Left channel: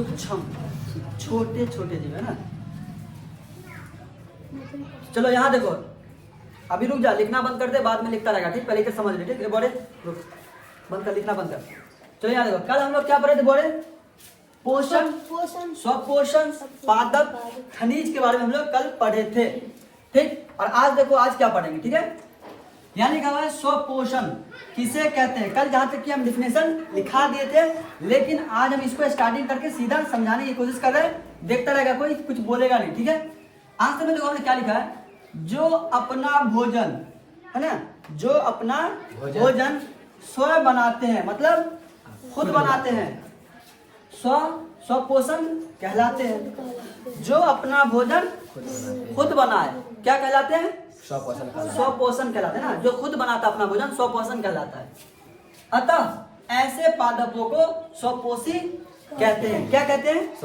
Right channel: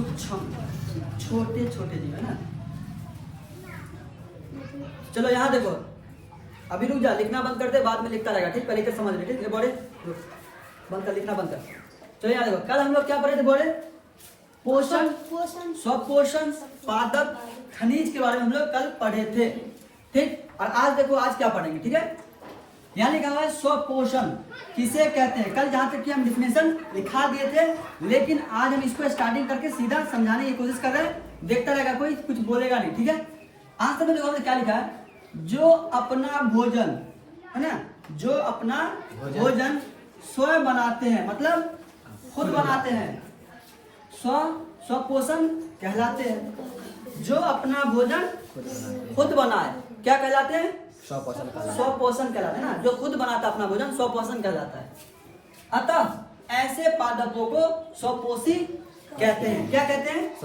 सूक्ष्म छोटे छोटे जीव है ना। चलो यहाँ देखो, अभी रुक जा, लिखना बंद कर दे, बाद में लिखता रहेगा ठीक, पहले के समझ ले ठीक। बोले रुक, बंद कर, लिखना बंद कर। चलो यहाँ देखो, कल हम लोग क्या पढ़े थे बोले, पोषण, स्वपोषण, पादप, खनिज के बारे में हम लोग कल पढ़े थे ठीक। और आज देखो आज क्या पढ़ेंगे ठीक है। यहाँ लिखा हुआ है स्वपोषण किसे कहते हैं। कल जहाँ तक कि हम डिफिनेशन लिखा दिए थे, लेकिन आज हम इसको स्टार्टिंग करके सीधा समझाने की कोशिश कर रहे हैं। देखता रहेगा कोई, कुछ बोलेगा नहीं ठीक है। आज से देखो हमने क्या लिखा है, जो अपना भोजन है ना, जो अपना भोजन स्वयं बनाते हैं, मतलब खुद बनाते हैं, स्वपोषण कहलाते हैं। जो अपना भोजन खुद बनाए क्या कहलाते हैं, स्वपोषण कहलाते हैं ना। जो खुद बनाता अपना भोजन स्वपोषण कहलाता है। अतः ऐसे पादपों को स्वपोषी कहते हैं। क्या कहते हैं,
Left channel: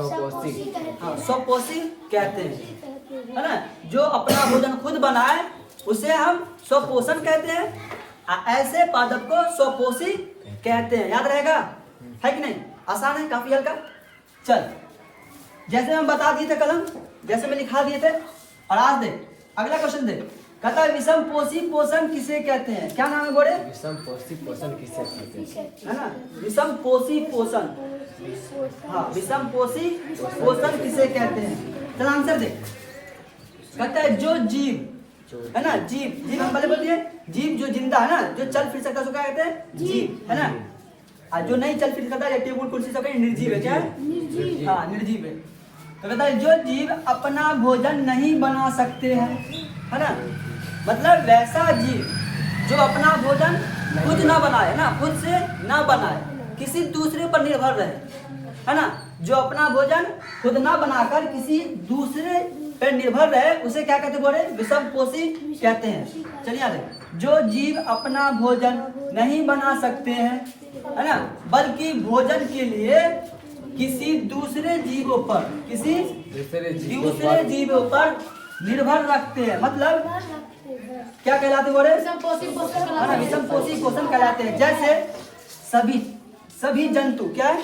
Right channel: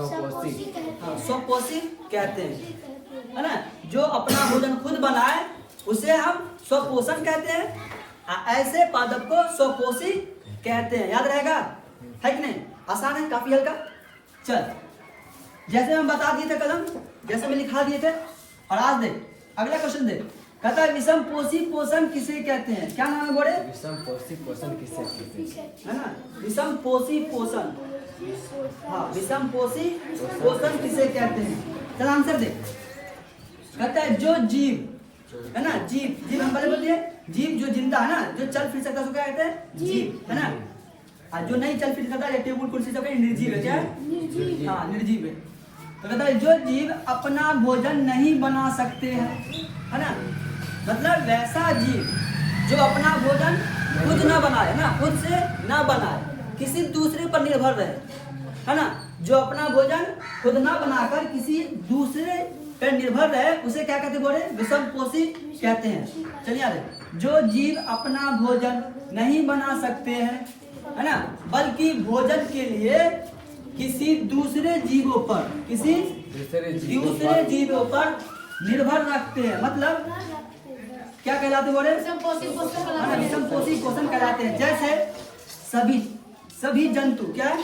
स्वपोषी कहते हैं है ना। जो अपना भोजन खुद बनाए उसे हम स्वपोषण कहते हैं। ऐसे पादप को स्वपोषी कहते हैं। याद रहेगा है कि नहीं, आसान है, काफी हल्का। चल जैसे हम बता दिए थे कलम, जैसे मैं लिखा दिए थे। और आज देख अगला क्वेश्चन देख, कहता है विषम पोषी पोषण किसे कहते हैं। क्या नाम है बोले, विषम पोषी पोषण किसे कहते हैं है ना। विषम पोषी पोषण, हाँ विषम पोषी पोषण किसे कहते हैं। चल आंसर दे। कहता है जो जीव है ना, जीव हम पहले बोलते हैं, जीव जो जिंदा है ना, जो चल फिर सकता है उसको क्या कहते हैं, जीव है ना। और जो नहीं चल फिर सकता है, टेबल कुर्सी सब निर्जीव है। क्या है, हाँ निर्जीव है। तो कहता है जो जीव अपना भोजन नहीं बना सकते हैं है ना, मतलब वैसा जीव जो अपना भोजन खुद ना बनाए ना, खुद से ना बनाए, किसी दूसरे पर निर्भर रहे है ना। जो अपना भोजन खुद ना बनाकर किसी दूसरे पर निर्भर रहे उसे क्या कहते बोले, विषम पोषी कहते हैं। चलिए यार, जो जीव अपना भोजन नहीं बना सकते हैं है ना, बल्कि भोजन के लिए किसी दूसरे जीवों पर, किसी दूसरे जीवों पर निर्भर रखते हैं, मतलब क्या कहलाते बोले, विषम पोषी पोषण कहलाते हैं। जैसे सभी जंतु, क्या है,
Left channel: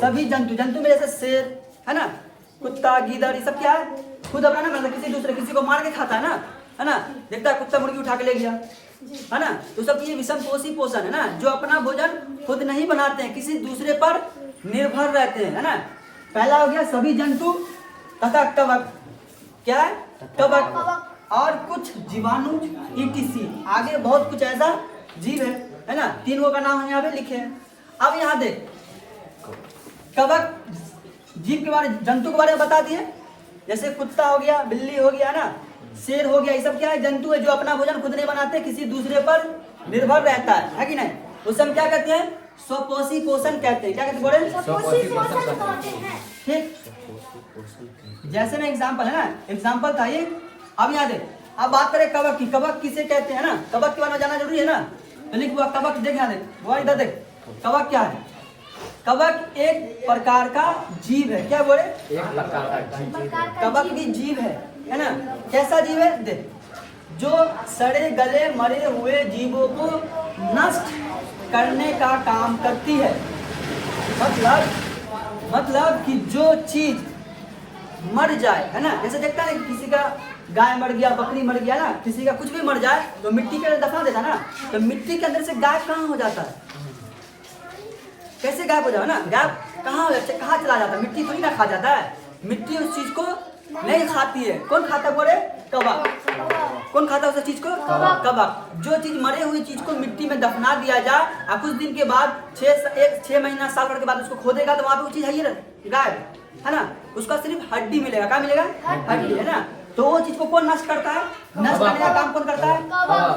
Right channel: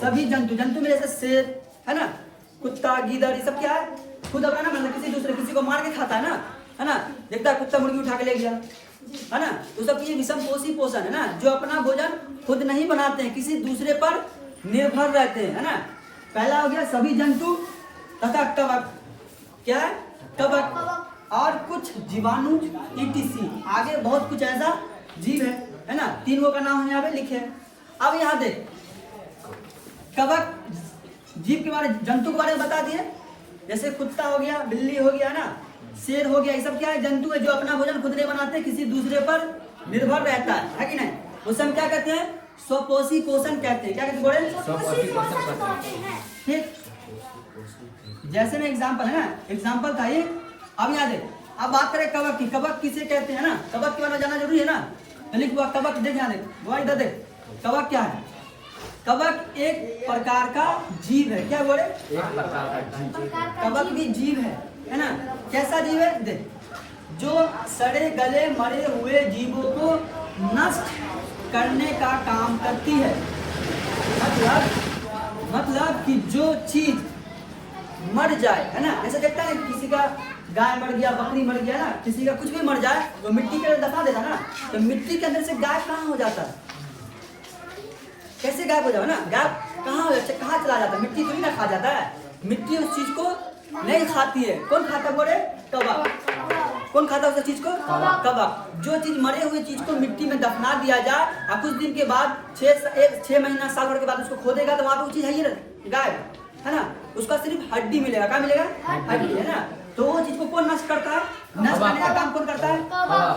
सभी जंतु में जैसे शेर है ना, कुत्ता, गीदड़, ये सब क्या है, खुद अपना ना किसी को मार के खाता है ना। देखता है कुत्ता मुर्गी उठा के ले गया है ना, तो सब ये विषम पोषी पोषण है ना। जो अपना भोजन खुद नहीं बनाते हैं, किसी दूसरे पर निर्भर रहते हैं है ना। पहला हो गया सभी जंतु तथा कवक, क्या है, कवक और कुछ जीवाणु ETC, आगे बहुत कुछ ऐसा जीव है ना। तीनों का नाम हम यहाँ पे लिखे हैं। अब यहाँ देख, कवक जीव के बारे, जंतु के बारे में बता दिए। जैसे कुत्ता हो गया, बिल्ली हो गया ना, शेर हो गया, ये सब क्या है, जंतु है जो अपना भोजन खुद नहीं बनाते, किसी दूसरे पर निर्भर रहता है कि नहीं। उसे हम क्या कहते हैं, स्वपोषी पोषण कहते हैं। क्या कहते बोले, स्वपोषी पोषण कहते हैं ठीक। जैसे में एग्जाम्पल है ना, एग्जाम्पल था ये। अब यहाँ देख, अब बात करें कवक की। कवक किसे कहते हैं ना, कवक के बारे में जानना जरूरी है ना। तो लिख हुआ कवक, देख यहाँ देख, वो इधर देख, कवक क्या है। कवक एक प्रकार का जीव है। क्या बोले, एक प्रकार का जीव, कवक भी जीव है ना। कैसा जीव है देख, जो सड़े गले मरे हुए जीवों को नष्ट करने का काम करती है। मतलब कि जो चीज मर जाए है ना, जैसे देखता है किसी का गाय मर गया, बकरी मर गया ना, किसी का कुछ भी मर जाए तो मिट्टी के अंदर दफा देता ना, तो मिट्टी के अंदर से गाय कहाँ हो जाता है, कैसे गायब हो जाए ना, गायब कहाँ चला जाता है, मिट्टी थोड़ी ना खा जाता है। मिट्टी उस चीज को नहीं खाती है। कौन खाता है बोले, कवक। कौन खाता है उस चीज को, कवक। जो चीज मरे हुई चीज को मिट्टी में दफना दिया जाए और कुछ दिन के बाद 6 महीना साल भर के बाद उसको खोदेगा तो वहां पे वो चीज है गायब है ना। उसका सिर्फ हड्डी मिलेगा। क्या मिलेगा, हड्डी है ना। तो वो चीज को कौन नष्ट करता है, नष्ट करने का काम कौन करता है,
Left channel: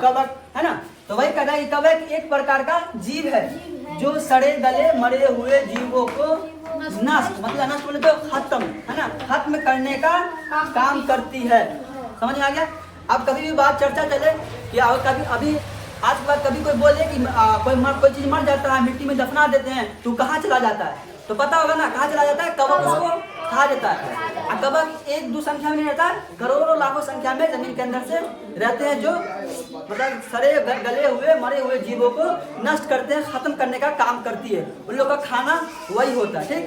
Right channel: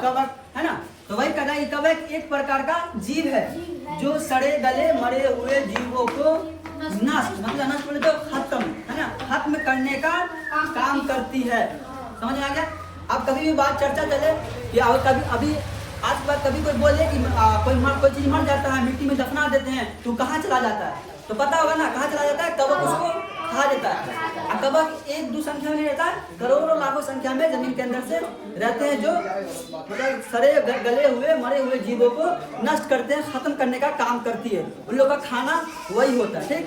कवक है ना। तो वही कहना है, कवक एक प्रकार का जीव है जो सड़े गले मरे हुए जीवों को नष्ट, मतलब नष्ट बोले तो खत्म है ना, खत्म करने का काम करती है। समझ में आ गया। अब कभी भी बात चर्चा चले या और कभी अभी आज के बाद कभी कोई बोले कि कोई चीज मर जाता है, मिट्टी में दफना देते हैं तो कहाँ चला जाता है, तो पता होगा ना कहाँ चला जाता है, कवक उसको खा देता है। और कवक 1-2 संख्या में रहता है, करोड़ों लाखों संख्या में जमीन के अंदर से रहते हैं, जो मतलब सड़े गले हुए मरे हुए जीवों को नष्ट करते हैं, खत्म करने का काम करती है। उन लोगों का खाना वही होता है। ठीक,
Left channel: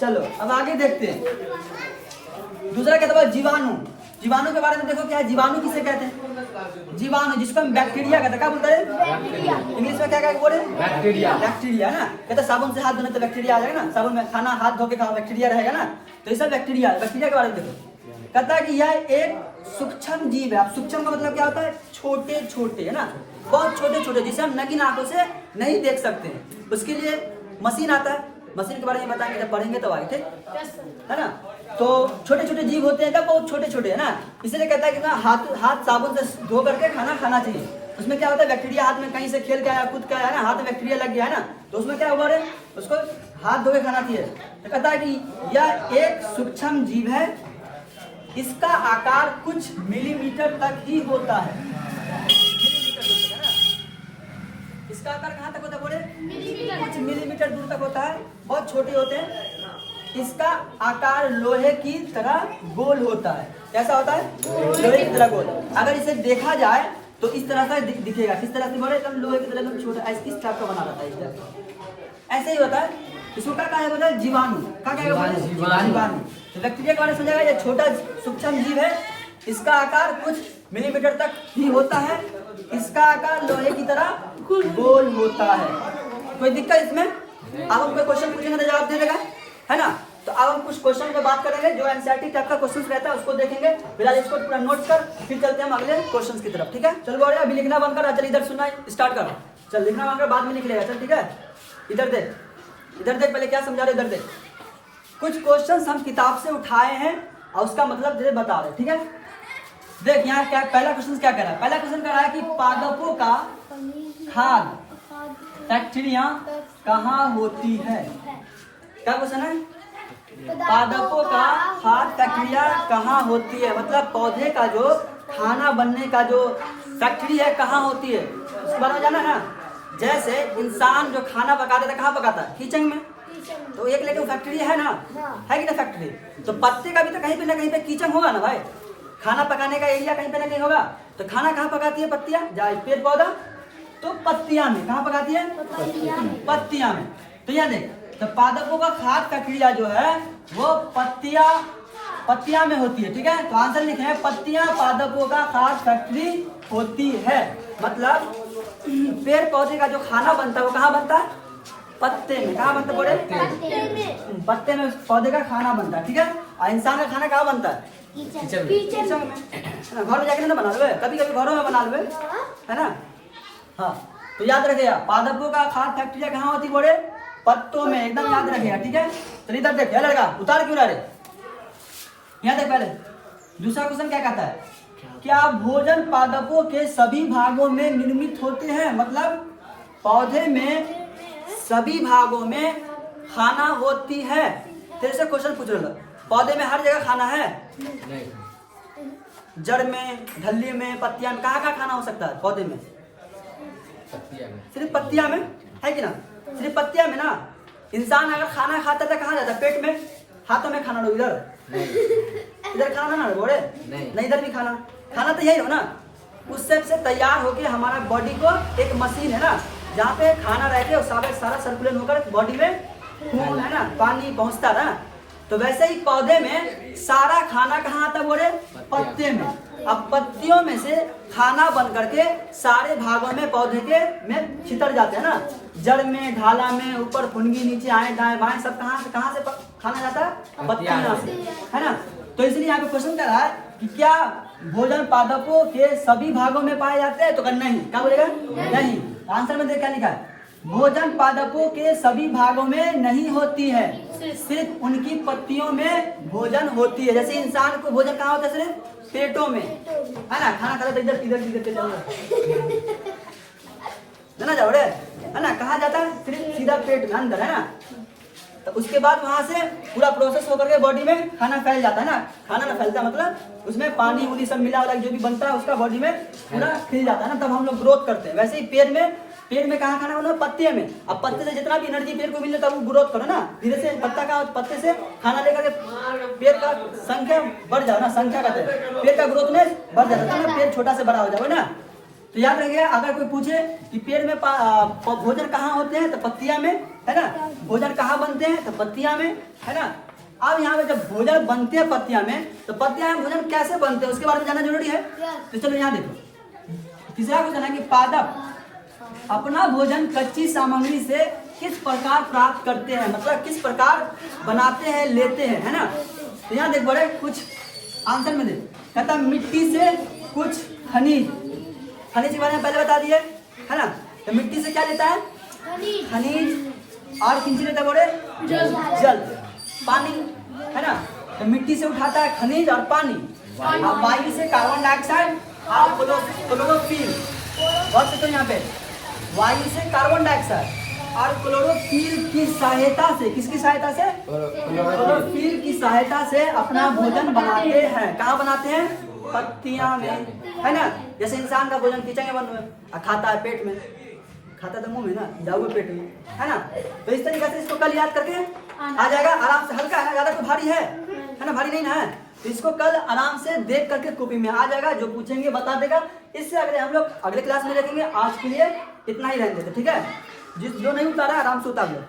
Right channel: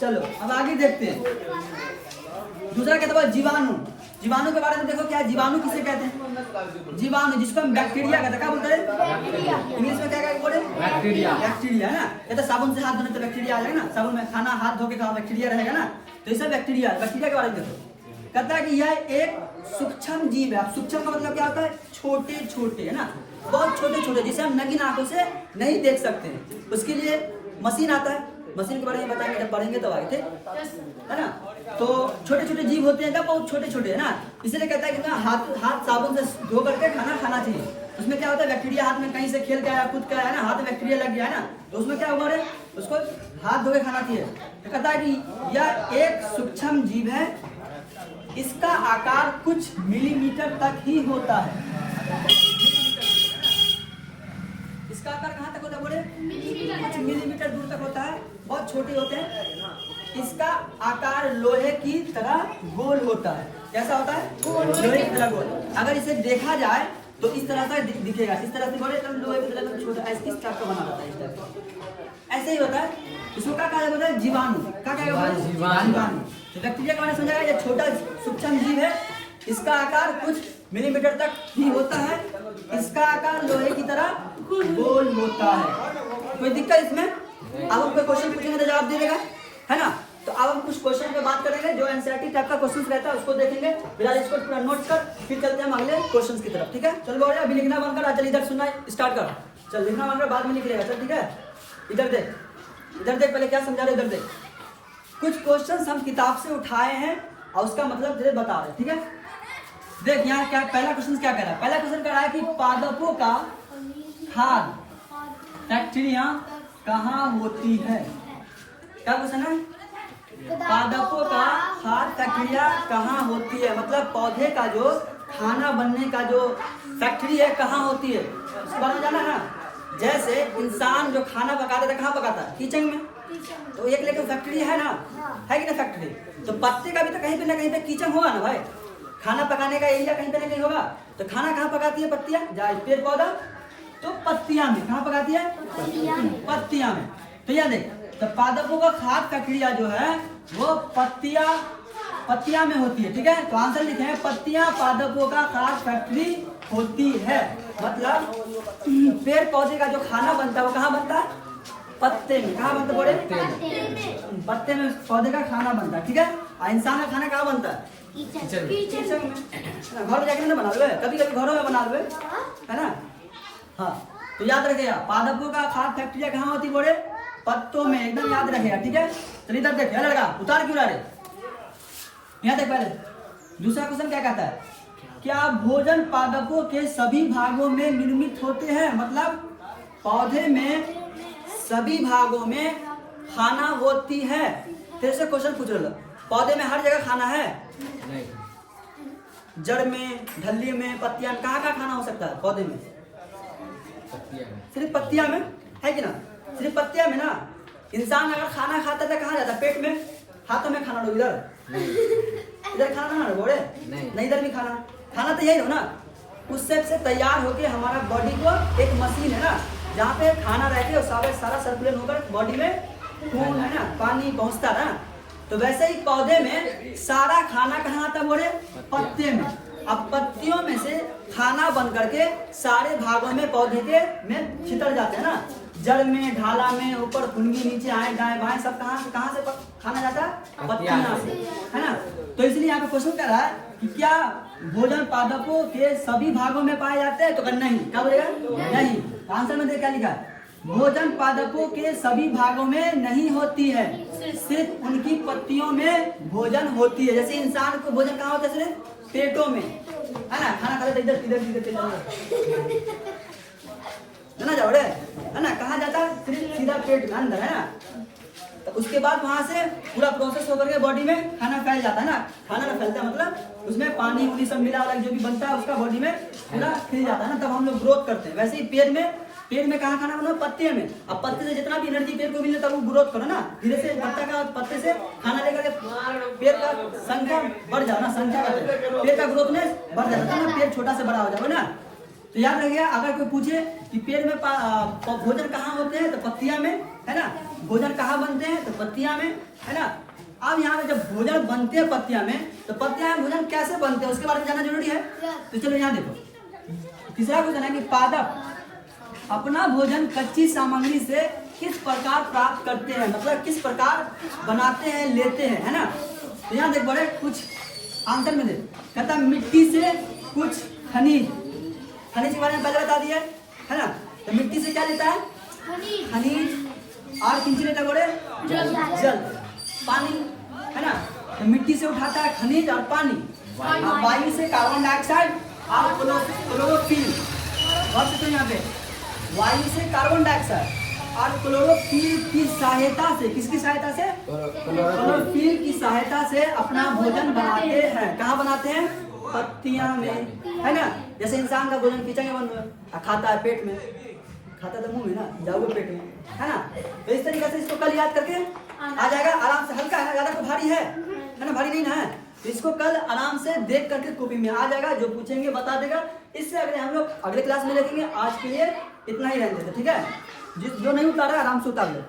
चलो अब आगे देखते हैं। दूसरा कहता है जीवाणु। जीवाणु के बारे में देखो क्या है, जीवाणु किसे कहते हैं? जीवाणु जिसको हम बैक्टीरिया कहते हैं, क्या बोलते हैं इंग्लिश में? क्या बोले? बैक्टीरिया। बैक्टीरिया है ना। कहते हैं साबुन से हाथ धोने तो बैक्टीरिया आ जाएगा ना, साबुन में खाना हाथ धो के खाओ बैक्टीरिया रहेगा ना, तो ये सब बैक्टीरिया है। बैक्टीरिया के बारे में देखो, कहता है कि यह एक सूक्ष्म जीव है। अब सूक्ष्म का मतलब क्या होता है? छोटे छोटे, है ना, बहुत छोटे छोटे, जिसे हम नंगी आंखों से नहीं देख सकते। उसके लिए मशीन आता है, मशीन के बारे में बताएंगे जब पढ़ेंगे तब आए थे, है ना। तो छोटे छोटे जीव होते हैं तब बहुत छोटे छोटे, है ना। इसलिए कहता है कि ना हाथ साबुन से धो करके खाना खाना चाहिए। उसमें क्या होता है, बैक्टीरिया हाथ में कहीं से खेल के आया, कूद के आया ना, हाथ में बैक्टीरिया लग गया है ना, तो उसमें क्या हुआ रे, उसको हाथ धो के खाना चाहिए। तो कहता है कि यह एक सूक्ष्म जीव है, इसका आकार कुछ मिलीमीटर तक ही होता है। इसका आकार कहाँ तक होता है बोले? कुछ मिलीमीटर दूर तक होता है, बहुत छोटे होते हैं। इसका आकार लोहे की तरह गोल होता है। कैसा होता है? लोहे की तरह गोल। अगर इसे देखा जाए तो इस तरह का दिखेगा। किस तरह से बोले? लोहे की तरह छोटा, इस टाइप का बना रहता है, इस टाइप का ऐसे ही होता है। इसको क्या कहा बोलते हैं? जीवाणु। क्या कहा? जीवाणु। तो बैक्टीरिया के बारे में समझा, ये छोटा सूक्ष्म जीव है, इसका आकार कुछ मिलीमीटर तक ही होता है, इसका आकार लोहे की तरह गोल होता है। कोई दिक्कत इसमें? अब हम कोई क्वेश्चन पूछेंगे तो जवाब दे देगा, है ना। तो अब हम कुछ क्वेश्चन पे बात करेंगे, जो एनसीईआरटी टाइप का क्वेश्चन रहता है उसको देखेंगे। फिलहाल इसको पूरा नोट कर, फिर चलते हैं हम अगले क्वेश्चन की तरफ, ठीक है। चल बोल अभी लिखना बंद कर, चल इधर सुनना स्टार्ट कर। चल लिखना बंद कर, बाद में लिख लेगा, चल ठीक है। इधर देख, इधर देख, पहले क्या समझा रहे, इधर देख। कुछ क्वेश्चन हम किताब से उठाए हैं और उसका मतलब तुझे बता रहे, ठीक है। देख यहाँ क्या पहला क्वेश्चन क्या कह रहा है? पहला क्वेश्चन कह रहा है कि पादपों का खाद फैक्ट्रिया कहाँ होती है? क्या क्वेश्चन है? पादपों का खाद फैक्ट्रिया कहाँ होती है, मतलब पौधे का जो खाना बनने का जो फैक्ट्री है कहाँ होती है, उसके बारे में जाना है ना। जैसे इंसान जो खाना पकाता था, कहाँ पकाता है? किचन में। तो एक लेके फैक्ट्री है ना, है कि ना फैक्ट्री। तो पत्ते का भी तो कहीं पे ना कहीं पे किचन होगा ना भाई, खाना पकाने का एरिया कहीं पे ना कहीं होगा। तो खाना कहाँ पकाती है? पत्तियां। पेड़ पौधा तो पत्तियां में। कहाँ पकाती है? पत्तियां में। तो यहाँ देख, तो पादपों का खाद प्रक्रिया जो है वो पत्तियां में होती है, ठीक है। तो आंसर लिखे हैं पत्तियां पादपों का खाद फैक्ट्री होती है। मतलब पेड़ पौधे का जो खाना बनता है वो कहाँ बनता है? पत्ते में। कहाँ बनता है बोले? पत्ते में पौधे का खाना बनता है, ठीक है। और इंसान का खाना कहाँ बनता है? किचन में। घर में जाके ना बना लो, कभी कभी घरों में बना लो, है ना। हाँ तो याद रखेगा, पादपों का खाद फैक्ट्री कहाँ होती बोले? पत्तों में। एकदम याद रखेगा, ठीक है। चलिए इधर देख, लड़का उतार क्यों रहे? यहाँ देख पहले दूसरा क्वेश्चन क्या कहता है? क्या भोजन पादपों के सभी भागों में निर्मित होते हैं? मतलब पौधे में सभी भागों में खाना होती है। तेरे से क्वेश्चन पूछ रहा, पौधे में हर जगह खाना है? नहीं। जड़ में, धल्ली में, पत्तियां में, कहाँ खाना हो सकता है पौधे में? पत्तियां में। सिर्फ पत्तियां में, है कि ना? सिर्फ पत्तियां में ना। इंसान अगर खाना खाता था कहाँ जाता? पेट में। हाथों में खाना लो, इधर इधर खाना ना बोले, नहीं इधर भी खाना तो यही हो ना। उस से तैयार होके हमारा बॉडी को एक मशीन है ना, जहाँ पे खाना रहते और सारा सर्कुलेट होकर बॉडी में खून है ना, पानी पहुँचता ना। तो वैसे ही पौधे में सारा खाना कहाँ आता बोले? पत्ते में। अब पत्तियों में से खाना बन करके सारे भागों में पौधे के में छितर जाते हैं ना, जड़ में, ढाला में, ऊपर फुनगी, नीचे आए दाएं बाएं, सब कहाँ से खाना जाता है? पत्तियां से, है ना। तो इसलिए यहाँ पे क्वेश्चन कर रहा है कि क्या भोजन पादपों के सभी भागों में पाए जाते हैं? तो नहीं। क्या बोलेगा? नहीं। आंसर में देख क्या लिखा है? भोजन पादपों के सभी भागों में नहीं होती है, सिर्फ उनकी पत्तियों में भोजन होती है। जैसे इंसान को भोजन कहाँ होता है? सिर्फ पेटों में, है ना। खाना खा इधर ना जाओ रे, है ना। कहाँ जाता है? सिर्फ सीधा पेट में, अंदर, है ना। तो उसके बाद वहां से पूरा प्रोसेस होकर के बॉडी में खाना फैल जाता है ना। खाना ना फैलता मतलब उसमें पानी उनी सब मिला जो भी बनता है उसका बॉडी में पूरा फैल जाता है ना, तब हम लोग ग्रोथ करते हैं। वैसे ही पेड़ में कहाँ खाना बना? पत्ते में। अब पत्ते से जितना भी एनर्जी पेड़ को मिले तब वो ग्रोथ करो ना, धीरे से पत्ते से खाना लेकर के पेड़ का संख्या बढ़ जाओ ना, संख्या का पेड़ का ग्रोथ में बढ़ जाता है, पेड़ छोटा से बड़ा हो जाएगा ना। तो याद रखिए, अगर कोई पूछे कि पेड़ में भोजन कहाँ होते हैं तो पत्तियां में, है ना। भोजन कहाँ बनते हैं? तो पत्तियां में, है ना। अब यहाँ पे जब भोजन बनते हैं पत्तियां में, तो पत्तियां में भोजन कैसे बनते हैं उसके बारे में जानना जरूरी है। तो चलो यहाँ देखो, तीसरा क्वेश्चन है कि पादप अपना भोजन कच्ची सामग्री से किस प्रकार प्राप्त करते हैं, मतलब किस प्रकार बनाते हैं, लेते हैं, है ना। तो यहाँ देख बड़े कुछ आंसर में देख, कहता मिट्टी से कुछ खनिज, खनिज के बारे में पहले बता दिए, है ना। तो मिट्टी से क्या लेता है? खनिज। और किन से लेता है बोले? जल, पानी, है ना। तो मिट्टी से उठाता है खनिज और पानी, और वायु से कार्बन डाइऑक्साइड और क्लोरोफिल। बहुत तो यहाँ पे वायु से कार्बन डाइऑक्साइड और क्लोरोफिल की सहायता से, किसकी सहायता से? क्लोरोफिल की सहायता से अपना भोजन बनाते हैं। कहाँ बनाते हैं? पत्तियां में, है ना। जैसे इंसान का भोजन किचन में बन खाता है, पेट में खाता तो मुंह में ना, जाओगे पेट में, है ना। तो इस तरीके से इसको कल याद करके आ जाएगा आराम से। हल्का है, ज्यादा तो भारी है ना, भारी नहीं ना है। तो इसको कल आराम से देख करके कॉपी में आ जाएगा, जो पूछेंगे बता देगा। इससे अगले हम लोग अगले क्लास में देखेंगे। आज के लिए इतना ही रहने देते, ठीक है। जो नहीं उतारा आराम से उतार लो।